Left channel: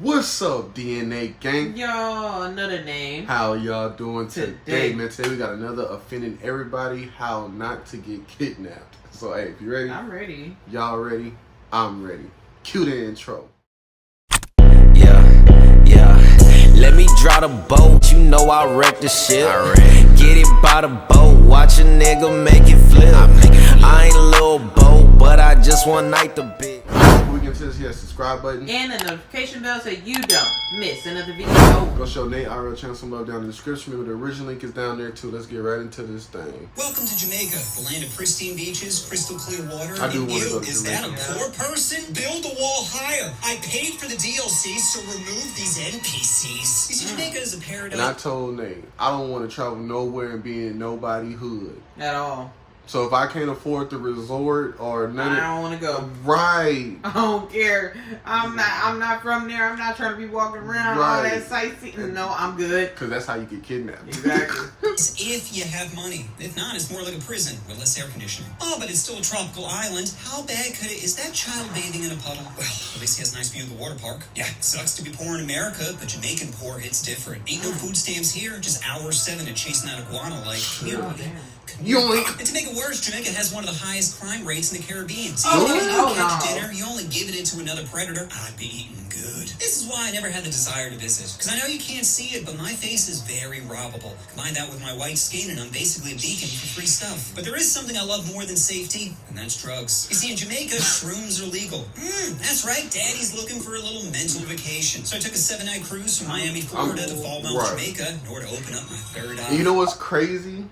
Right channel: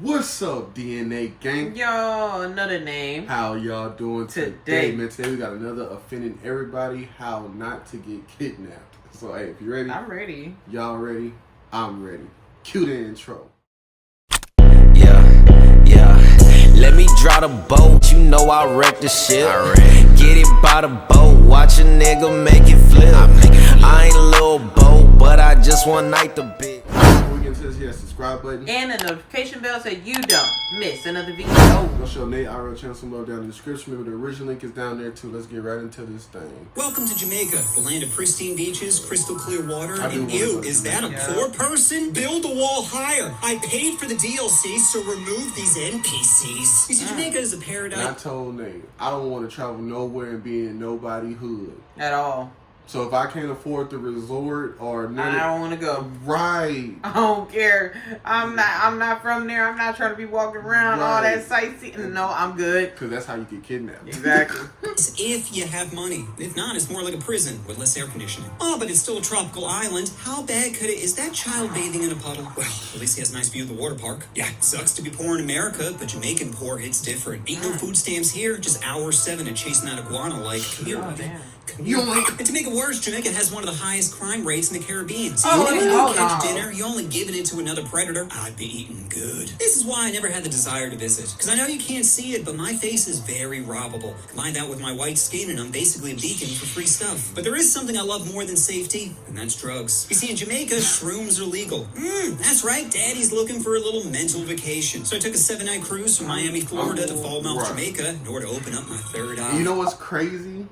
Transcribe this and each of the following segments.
What's up, DNA gang? Yo, another name. How y'all doing today? Man, today we got another offending everybody how not to get kidnapped. So, hey, if you ready? I'm ready. Y'all ready? I'm ready. Cue the intro. Yeah. Let me draw the boat. You know I wreck the ship. Get it by the boat. Watch a nigga make it flip. I ain't a little boat, but I just one night the bit. Before we get into this, hit that subscribe button. And the notification bell so you don't miss another video. Go show Nate our channel some love down in the description. Remember, the original link is down there too. Let's get right into this thing. Welcome to Jamaica, the land of pristine beaches, crystal clear water. I do And wanna you, go to is that a Jamaica. poor person? Build the wall higher. I paid for the DLC, so remove these NPCs. You see, Jamaica is a And I paradise. told Nate, I don't want to travel nowhere and be in nobody hood. At all. So if I can't afford the resort or none I don't want to go. Right. I don't care. I'm not from there. I'm not trying to be walking around all that sightseeing. No, I'm good. Because that's how you get kidnapped. Exactly. If you have money. If not, it's more like a prison with less air conditioning. Oh, but it's still a tropical island. How bad could it? Is that child bathing in a puddle? Well, at least he has a nice view of the water park. Yeah, sucks to be poor in America, but Jamaican poor hits different. Ain't no food stamps here, just hour 7 of chasing that iguana life. Oh, damn. And to make it worse, Jamaica has one of the highest crime rates in the Caribbean. So Oh, if you no. catch dinner, you only giving it to another predator, I'd be eating good. This is why I never had the desire to visit. Because I know you can't see it, but my face is very robbable. Combine that with my white skin, and I'm basically a beacon for free stuff. But there is something I love more than safety, and that's drugs. You see, in Jamaica, shrooms are legal. That's right, Daddy's looking for a little mental vacation. So I took a 7-night cruise from Miami, Florida to Fall Mount, Jamaica, in order to open up my third eye. You know what's crazy?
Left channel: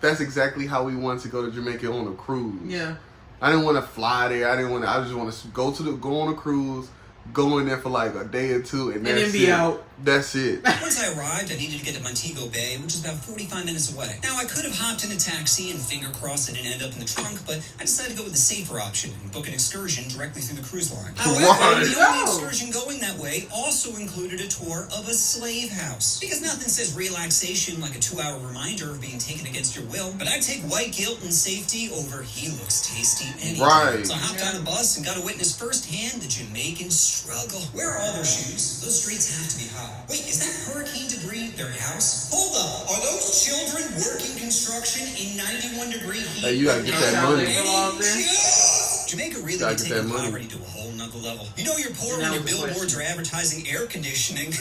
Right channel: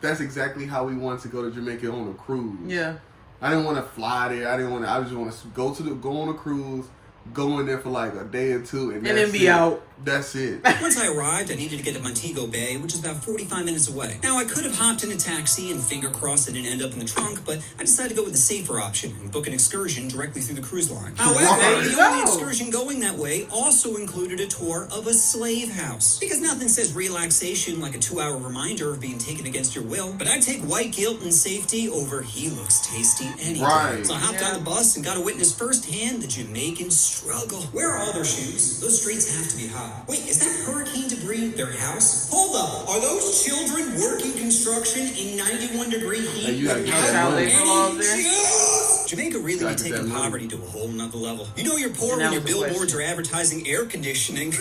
That's exactly how we wanted to go to Jamaica on a cruise. Yeah. I didn't want to fly there. I just want to go on a cruise, go in there for like a day or two, and then be out. That's it. Once I arrived, I needed to get to Montego Bay, which is about 45 minutes away. Now, I could have hopped in a taxi and finger crossed it and end up in the trunk, but I decided to go with the safer option and book an excursion directly through the cruise line. However, the only excursion going that way also included a tour of a slave house. Because nothing says relaxation like a 2-hour reminder of being taken against your will, but I'd take white guilt and safety over he looks tasty any day. So I hopped on the bus and got to witness firsthand the Jamaican struggle. Where are all their shoes? Those streets have to be hot. Wait, is that hurricane debris their house? Hold up, are those children working construction in 91-degree heat? Hey, you gotta get that money. Jamaica really be taking poverty to a whole nother level. You know you're poor when your billboards are advertising air conditioning.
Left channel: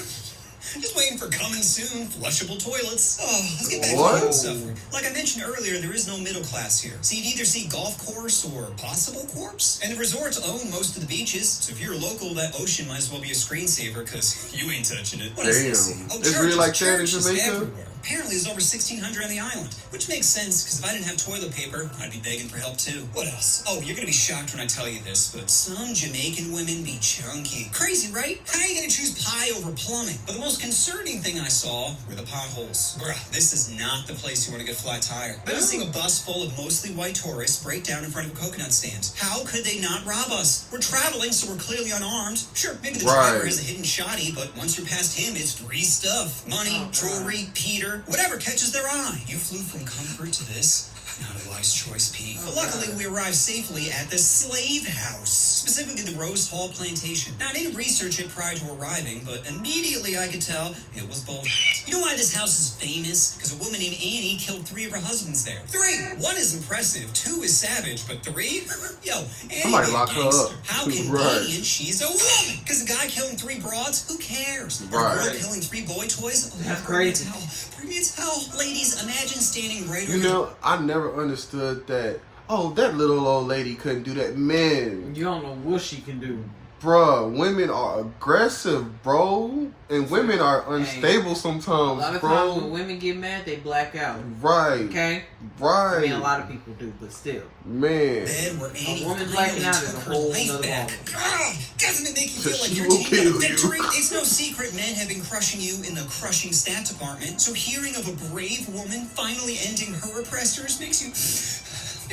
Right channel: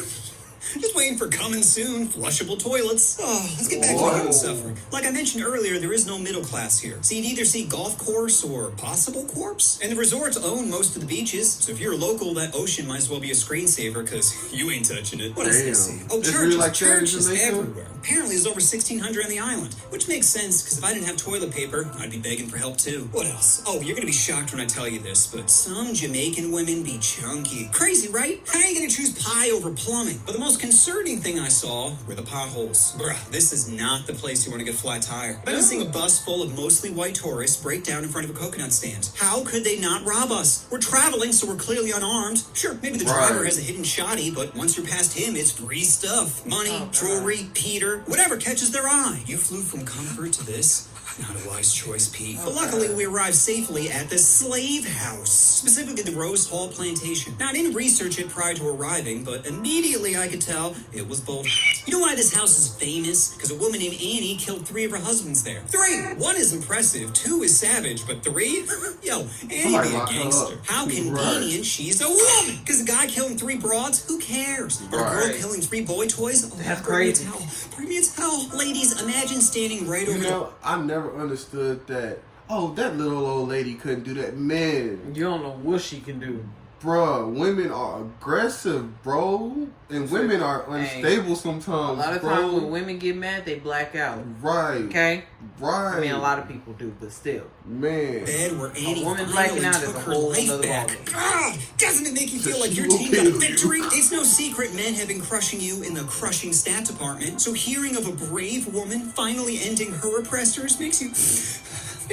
Just waiting for coming soon, flushable toilets. Oh, let's get back to the human suffering. Like I mentioned earlier, there is no middle class here. So you'd either see golf course or possible corpse. And the resorts own most of the beaches. So if you're a local, that ocean might as well be a screensaver because you ain't touching it. What is this? Oh, it's really like that in churches Jamaica? everywhere. Apparently there's over 1,600 on the island, which makes sense because if I didn't have toilet paper, I'd be begging for help too. What else? Oh, you're gonna be shocked when I tell you this, but some Jamaican women be chunky. Crazy, right? How are you gonna choose pie over plumbing? But the most concerning thing I saw were the potholes. Bruh, this is not the place you want to get flat tire. I was seeing a bus full of mostly white tourists break down in front of a coconut stand. How could they not rob us? We're traveling, so we're clearly unarmed. Sure, maybe the driver has a hidden shotty, but once you're past him, it's free stuff. Money, jewelry, Peter, whatever catches their eye. You flew from comfort to this. Not a wise choice, Pete. But luckily, we arrived safely at the slave house, specifically the Rose Hall Plantation. Now, I didn't research it prior to arriving, but immediately I could tell it was bullshit. You know why this house is famous? Because a woman named Annie killed 3 of her husbands there. 3! 1 is impressive, 2 is savage, but 3? Yo, Annie be a gangster. How convenient she's a woman! Because a guy killing 3 broads, who cares? Or a girl killing 3 boy toys? Oh, that's crazy. Pretty as hell. Ladies, imagine standing right over... You know, I never understood that. Oh, that little old lady couldn't do that. Man, You don't know what she can do. Bruh, women are aggressive, bro. And women are unstable sometimes, A lot of bro. times when women get mad, they black out. Right. Okay? Right. I mean, a lot of people do, but still. Man. A woman blacking out is a whole other ballgame. Doesn't it make you feel like She your will team kill got a victory? you. It's no secret men have been crushing you in the crushing stat department. So hearing of a brave woman finally ending her oppressors makes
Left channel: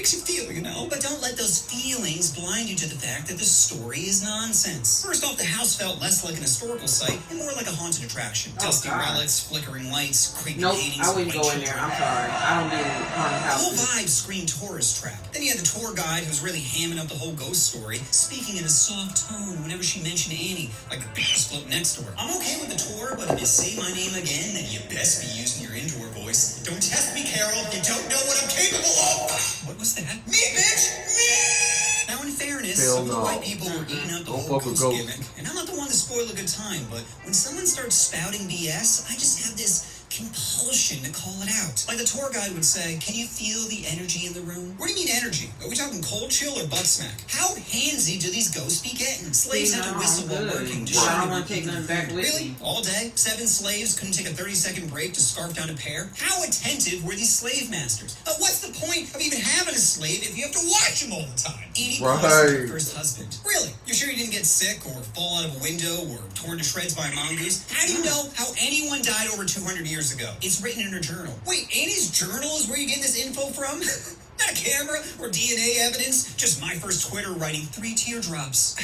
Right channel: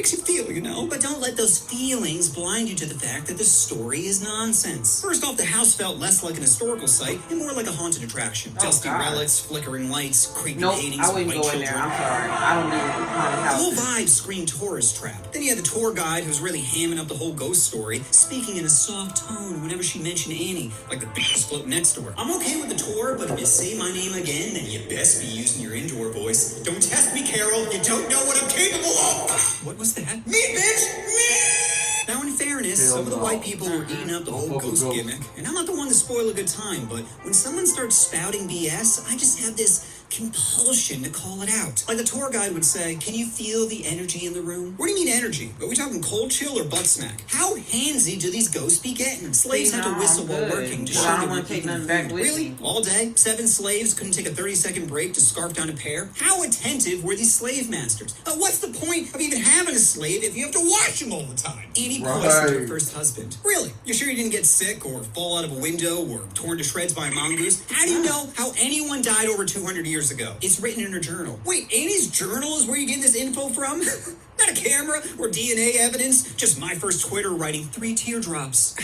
makes you feel, you know? But don't let those feelings blind you to the fact that the story is nonsense. First off, the house felt less like an historical site and more like a haunted attraction. Dusty relics, flickering lights, creepy paintings. I wouldn't go in there. I'm sorry. I don't do haunted houses. The whole vibe screamed tourist trap. Then you had the tour guide who's really hamming up the whole ghost story, speaking in a soft tone whenever she mentioned Annie, like the bitch float next to her. I'm okay with the tour, but if you say my name again, then you best be using your indoor voice. Don't test me, Carol. You don't know what I'm capable of. What was that? Me, bitch! Me! Now, in fairness, some of the white people were eating up the whole ghost gimmick. And I'm not the one to spoil a good time, but when someone starts spouting BS, I just have this compulsion to call it out. Like the tour guide would say, can you feel the energy in the room? What do you mean energy? Are we talking cold chill or butt smack? How handsy do these ghosts be getting? Slaves had to whistle while working. I don't want to take nothing back with me. All day? 7 slaves couldn't take a 30-second break to scarf down a pear? How attentive were these slave masters? What's the point of even having a slave if you have to watch them all the time? Annie Cross, her first husband. Really? You're sure you didn't get sick or fall out of a window or torn to shreds by a mongoose? How do you know how anyone died over 200 years ago? It's written in her journal. Wait, Annie's journal is where you get this info from? Not a camera or DNA evidence, just my first Twitter writing 3 teardrops.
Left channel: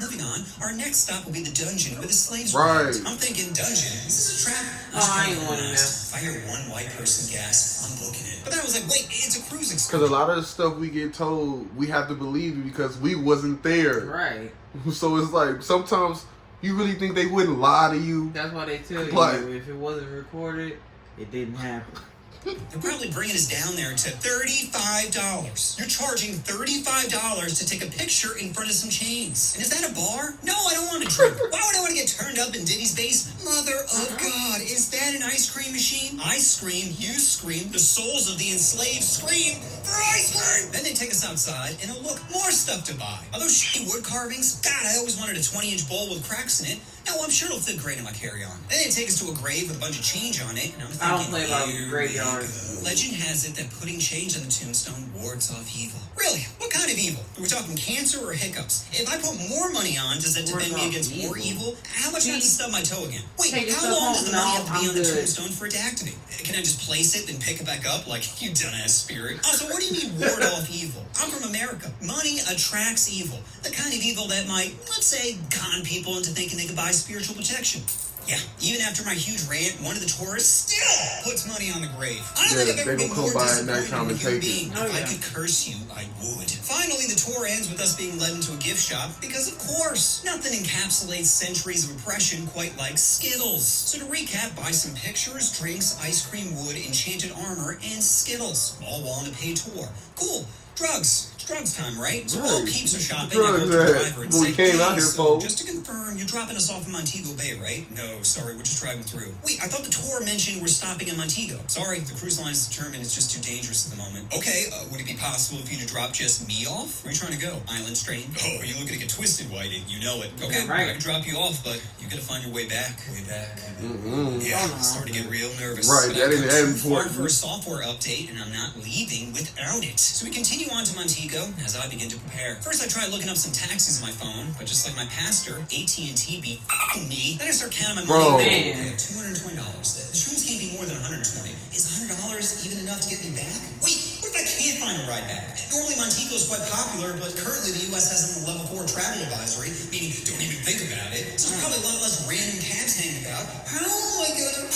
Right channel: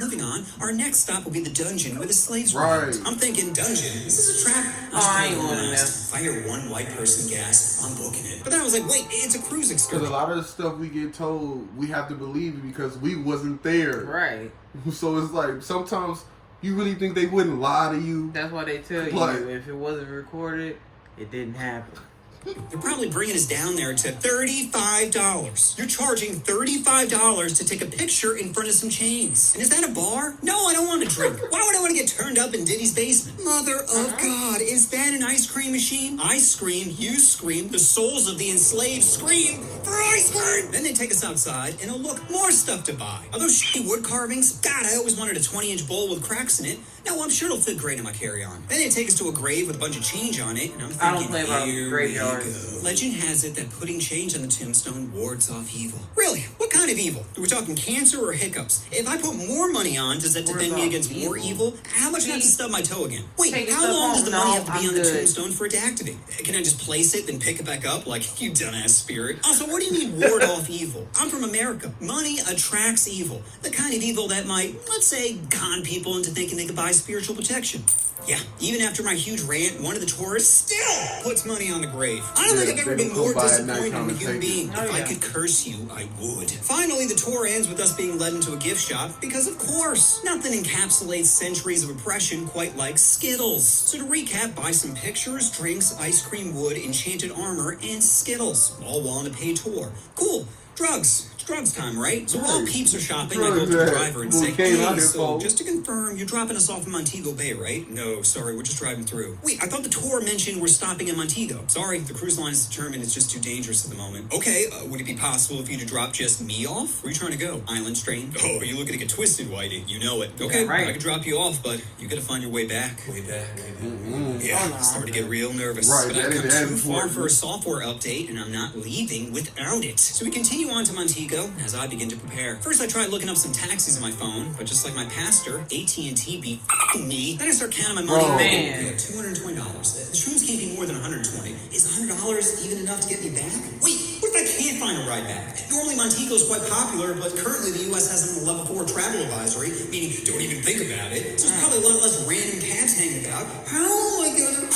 Moving on, our next stop will be the dungeon where the slaves were. Right. I'm thinking dungeon. Is this a trap? I ain't going there. If I hear one white person gasp, I'm booking it. But then I was like, wait, it's a cruise excursion. Because a lot of the stuff we get told, we have to believe it because we wasn't there. Right. So it's like, sometimes you really think they wouldn't lie to you. That's why they tell you if it wasn't recorded, it didn't happen. They're probably bringing us down there to $35. You're charging $35 to take a picture in front of some chains. And is that a bar? No, I don't want to drink. Why would I want to get turned up in Diddy's basement? Mother of God, is that an ice cream machine? I scream, you scream, the souls of the enslaved scream for ice cream. Then they take us outside, and oh look, more stuff to buy. Are those shitty wood carvings? God, I always wanted a 20-inch bowl with cracks in it. No, I'm sure it'll fit great in my carry-on. Then they take us to a grave with a bunch of change on it, and I'm thinking, I don't play about graveyards. Legend has it that putting change on the tombstone wards off evil. Really? What kind of evil? We're talking cancer or hiccups? If I put more money on, does that defend me against more evil? How much not to stub my toe again? Wait, how long does the money have to be on the tombstone for it to activate? Can I just place it, then pick it back up like you dumbass spirit? Also, what do you mean ward off evil? I'm from America. Money attracts evil. The kind of evil that might, let's say, con people into thinking they could buy spiritual protection. Yeah, even after my huge rant, one of the tourists still puts money on the grave. I don't think I've ever been more disappointed in a human being. If I could curse you, I would. Finally, the tour ends with us being led into a gift shop because, of course, nothing encapsulates centuries of oppression quite like Skittles. So to recap, buy some pictures, drinks, ice cream, wood, enchanted armor, and Skittles, all while on a paid tour. Cool. Drugs. It's drugs time, right? So all peeps are shopping. I go to the driver and say, hey, so just to confirm, you're dropping us off in Montego Bay, right? No, sorry, we're just driving through. Wait, I thought the tour mentioned we're stopping in Montego. Sorry, the cruise line is determined it's just too dangerous at the moment. Okay, would it be possible for you to drop just me off? Where are you trying to go? Island strain? Oh, are you looking to get twisted, Whitey? You know it. Okay, right. I can drop you off, but you gotta find your way back. Yeah, I'm starting to get real nervous. Right, but that is important. For a software update, and I'm not leaving without it. So we continue on to Montego as I begin to prepare. First, I tried looking up some taxis on my phone, but just like my pastor, AT&T beat me. Then I start counting my money. $220. The shrooms can't be more than $120. Is $100 even enough to get me back? Wait, what if I can't find a ride back? Normally, Montego is quite popular, but currently the U.S. has them on a level 4 travel advisory, meaning don't even think about it. So there's probably a lot less random cabs hanging about. How am I gonna...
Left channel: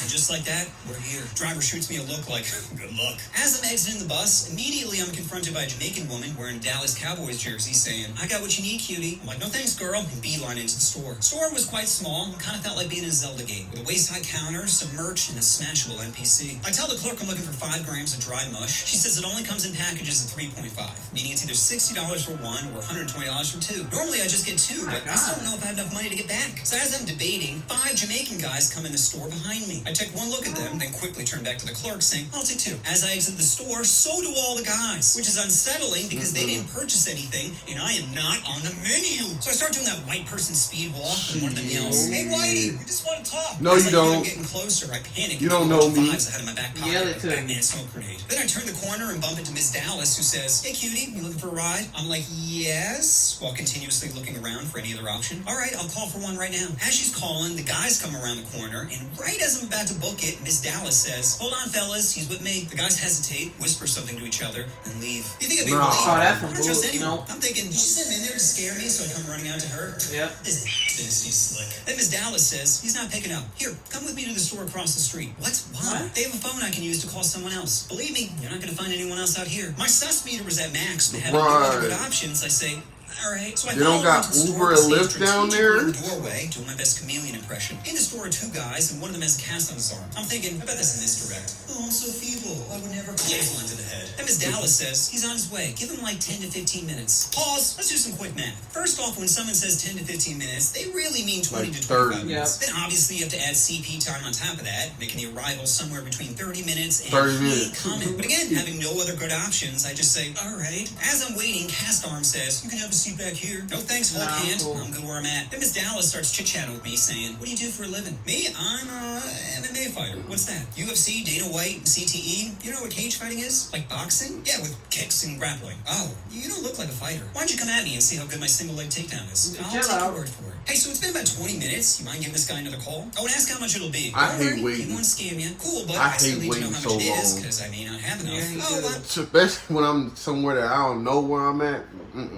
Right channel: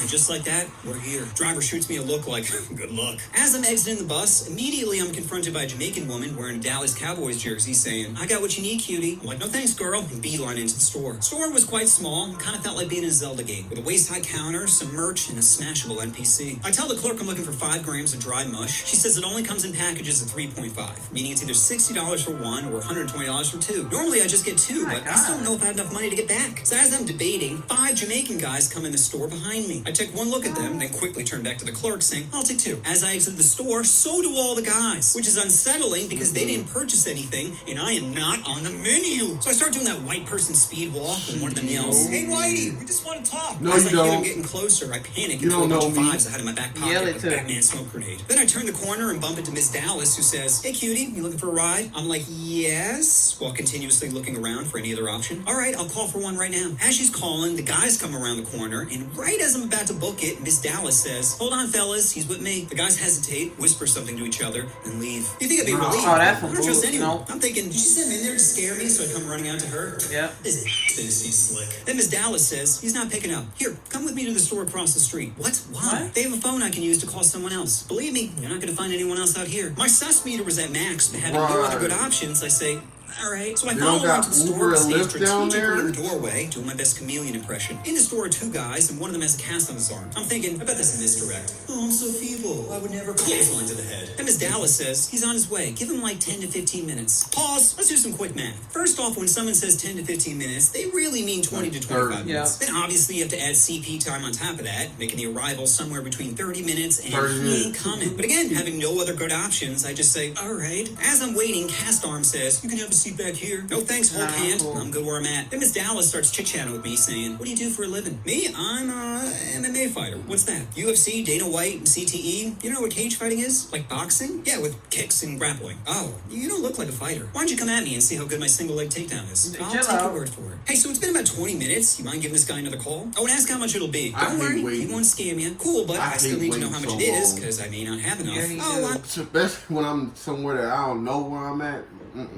And just like that, we're here. Driver shoots me a look like, good luck. As I'm exiting the bus, immediately I'm confronted by a Jamaican woman wearing a Dallas Cowboys jersey saying, I got what you need, cutie. I'm like, no thanks, girl, and beeline into the store. The store was quite small, kind of felt like being in a Zelda game, with a waist-high counter, some merch, and a smashable NPC. I tell the clerk I'm looking for 5 grams of dry mush. She says it only comes in packages of 3.5, meaning it's either $60 for 1 or $120 for 2. Normally I just get 2, but I still don't know if I have enough money to get back. So as I'm debating, 5 Jamaican guys come in the store behind me. I take one look at them, then quickly turn back to the clerk saying, I'll take 2. As I exit the store, so do all the guys, which is unsettling because they didn't purchase anything, and I am not on the menu. So I start doing that white person speed walk, and one of them yells, hey, Whitey, we just want to talk. No, you don't. I'm getting closer. I panic. You don't know me. I had in my back pocket like a Batman smoke grenade. Then I turn the corner and bump into Miss Dallas, who says, hey, cutie, you looking for a ride? I'm like, yes, while continuously looking around for any other option. All right, I'll call for one right now. As she's calling, the guys come around the corner, and right as I'm about about to book it, Miss Dallas says, "Hold on, fellas, he's with me." The guys hesitate, whisper something to each other, and leave. You think I'd be relieved? Oh, that's I don't trust anyone. no. I'm thinking, did you send him in there to scare me so I come running out to her? Yeah. This thinks he's slick. Then Miss Dallas says, "He's not picking up. Here, come with me to the store across the street." What? Why? What? They have a phone I can use to call someone else. Believe me, you're not going to find anyone else out here. My sus meter was at max, but having no other good options, I say, all right. So I They don't got Uber and Lyft down there? in the doorway, doing my best chameleon impression. In the store are two guys, and one of them has a cast on his arm. I'm thinking, I bet this is misdirect. Oh, I'm so feeble. I would never clothesline to the head. And Miss Dallas says, he's on his way. Give him like 10 to 15 minutes. Pause. Let's do some quick math. First off, when someone says 10 to 15 minutes, they really mean 20 to 25 minutes. Then obviously you have to add CP time on top of that, making the arrival somewhere between 30 minutes and 30 minutes. coming. But again, having no other good options, I just say, all right. As I'm waiting, cast arm says, you can have a seat back here. No thanks, hold hand. Cool. I'm good where I'm at. Then Miss Dallas starts chit-chatting with me, saying, what do you do for a living? Me? I'm a MMA fighter. What's that? UFC, Dana-White, and CTE? You know what cage fighting is? Like boxing? Yeah, with kicks and grappling. Oh, you don't look like a fighter. Why don't you come at me and see how good my single leg takedown is? I'll take your word for it. Hey, so it's been about 20 minutes. You mind giving this guy another call? Oh, and ask how much it'll be. I hate waiting. He won't scam you. Cool, but I still need to know how much it is, because I may not have enough. Yeah, Especially when I'm somewhere that I don't know where I'm at.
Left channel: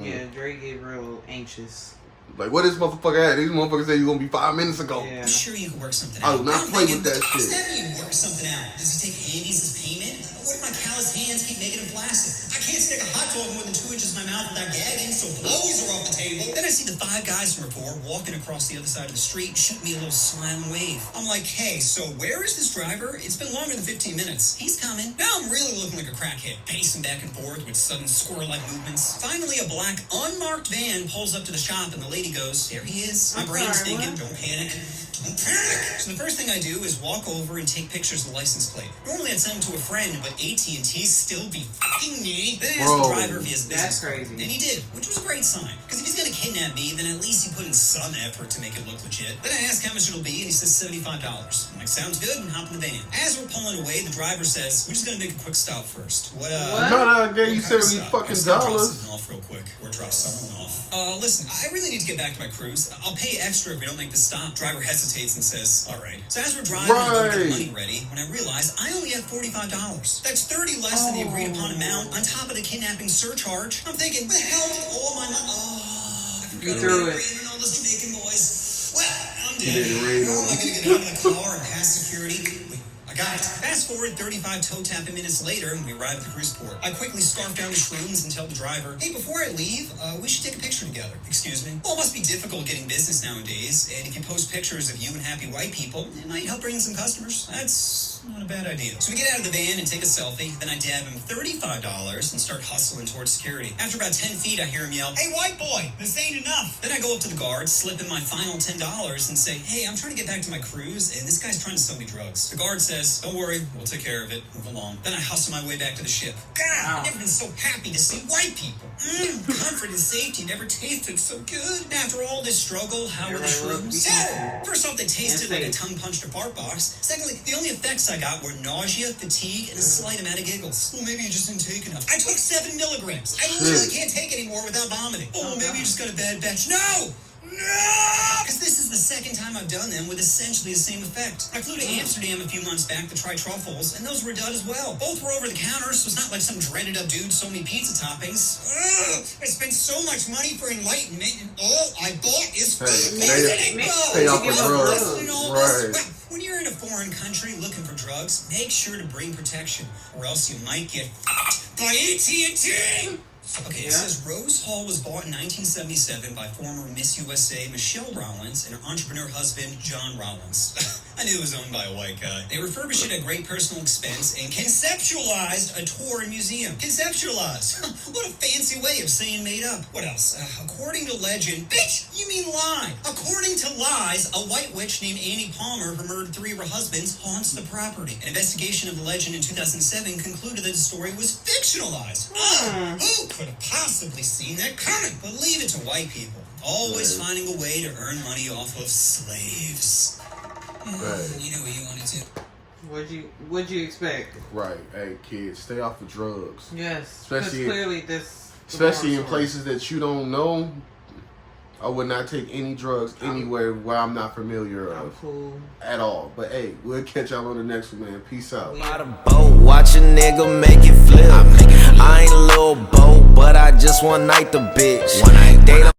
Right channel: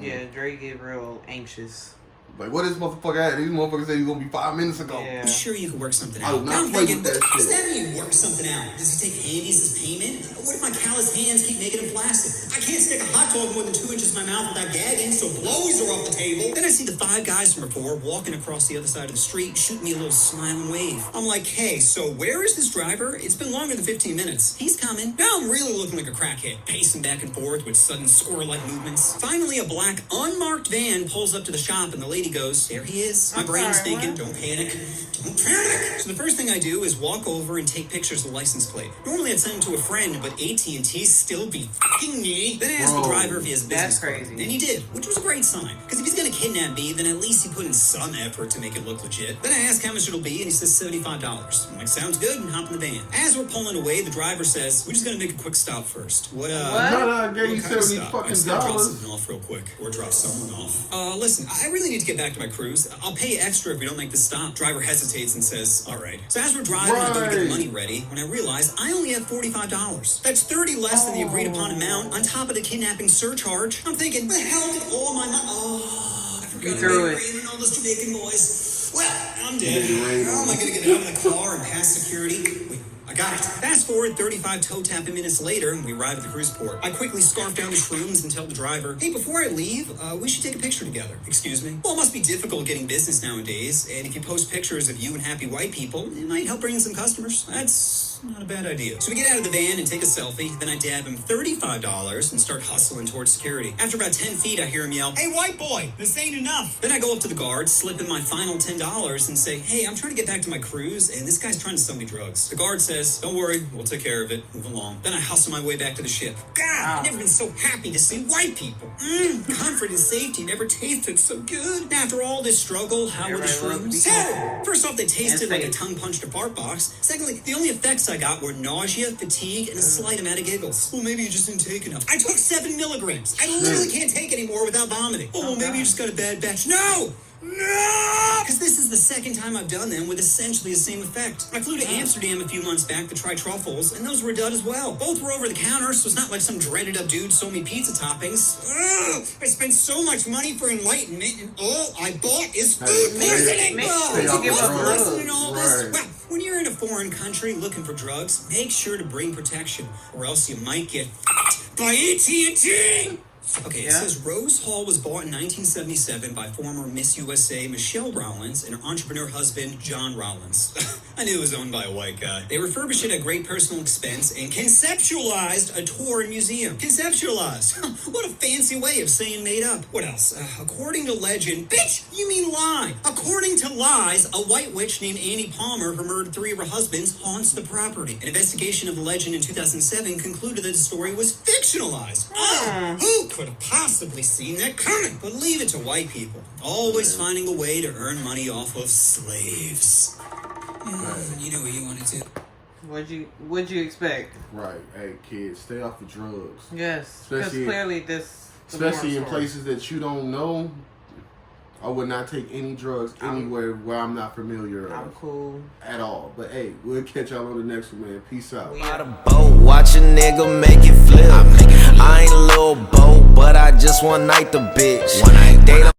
Yeah, Dre get real anxious. Like, what this motherfucker at? These motherfuckers said he's gonna be 5 minutes ago. Yeah. I'm sure you can work something I out. do not play with that Does shit. that mean work something out? Does he take handies as payment? What if my callous hands keep making him flaccid? I can't stick a hot dog more than 2 inches in my mouth without gagging, so blowies are off the table. Then I see the 5 guys from rapport walking across the other side of the street, shooting me a little smile and wave. I'm like, hey, so where is this driver? It's been longer than 15 minutes. He's coming. Now I'm really looking like a crackhead, pacing back and forth with sudden squirrel-like movements. Finally, a black, unmarked van pulls up to the shop, and the lady goes, there he is. My brain's thinking, don't panic. Don't panic. So the first thing I do is walk over and take pictures of the license plate. Normally I'd send them to a friend, but AT&T still be fucking me. Then I asked the driver if he has business. That's crazy. And he did, which was a great sign. Because if he's going to kidnap me, then at least he put in some effort to make it look legit. Then I asked how much it'll be, and he says $75. I'm like, sounds good, and hop in the van. As we're pulling away, the driver says, we're just going to make a quick stop first. What? No, I gave you $70 fucking Drop dollars. someone off real quick, or drop someone off. Listen, I really need to get back to my cruise. I'll pay extra if we don't make the stop. Driver hesitates and says, all right. So as we're driving, I'm going to get the money ready, when I realize I only have $45. That's $30 less than the agreed upon amount, on top of the kidnapping surcharge. I'm thinking, where the hell did all my money? Oh, You threw it. And all this making noise. Well, I'm dead. Made it rain How on am I me. going to get out of the car and pass security? Wait, I got it. Fast forward 35 toe tapping minutes later, and we arrive at the cruise port. I quickly scarf down the shrooms and tell the driver, hey, before I leave, we should take a picture together. Excuse me? Well, it must be difficult getting business nowadays, and if you post pictures of you and happy white people, it might help bring in some customers. That's not a bad idea. So we get out of the van and take a selfie, then I dab him $35 and start hustling towards security. After about 10 feet, I hear him yell, hey, white boy, this ain't enough. Then I go up to the guard, slip in my final $10 and say, hey, I'm trying to get back to my cruise, and this guy's trying to sell me drugs. The guard says, don't worry, we'll take care of it. Move along. Then I hustle my way back to the ship. God, I've never been so happy to see white people. Comfort and safety never tasted so good. And after all this struggle, how were the shrooms? So, first off, they tasted like a tongue-punched a fart box. Secondly, the only effects I got were nausea, fatigue, and a slight amount of giggles. Well, maybe you just didn't take enough. I took 7 milligrams. I literally can't take anymore without vomiting. Oh, maybe you just got a bad batch. No! No! Because this is the second time I've done them with essentially the same effect. I flew to Amsterdam a few months back to try truffles, and those were done as well. Both were over the counter, so it's not like some dreaded up dude sold me pizza toppings. Ugh, I spent so much money for enlightenment, and all I bought is food poisoning. Stay off the drugs. Well, when you're in a foreign country looking for drugs, make sure to bring protection, or else you might get f***ed by AT&T. Okay, it says Rose Hall was bought in 1977 by former Miss USA Michelle Rollins and her entrepreneur husband, John Rollins. I knew it was owned by a white guy. They refurbished it at great personal expense and conceptualized a tour and museum. Conceptualized. What a fancy way of saying made up. What else? According to legend, bitch, you mean lie. According to lies, a white witch named Annie Palmer, who murdered 3 of her husbands, haunts the property. An investigation of the legend in 2007 concluded that the story was fictionalized. Who could have possibly seen that coming? But leave it to white people. Always finding a way to earn money off of slaves. You know what you wanted to. What'd you expect? Right. Hey, kids, stay off of drugs. Yes, because clearly this. Especially in places that you don't know. I would not take any drugs anywhere where I'm not familiar I'm of cool. at all. But hey, we'll catch y'all on the next one, man. Peace out. By the boat, watch a nigga make it flip. I ain't a little boat, but I just one night the bitch.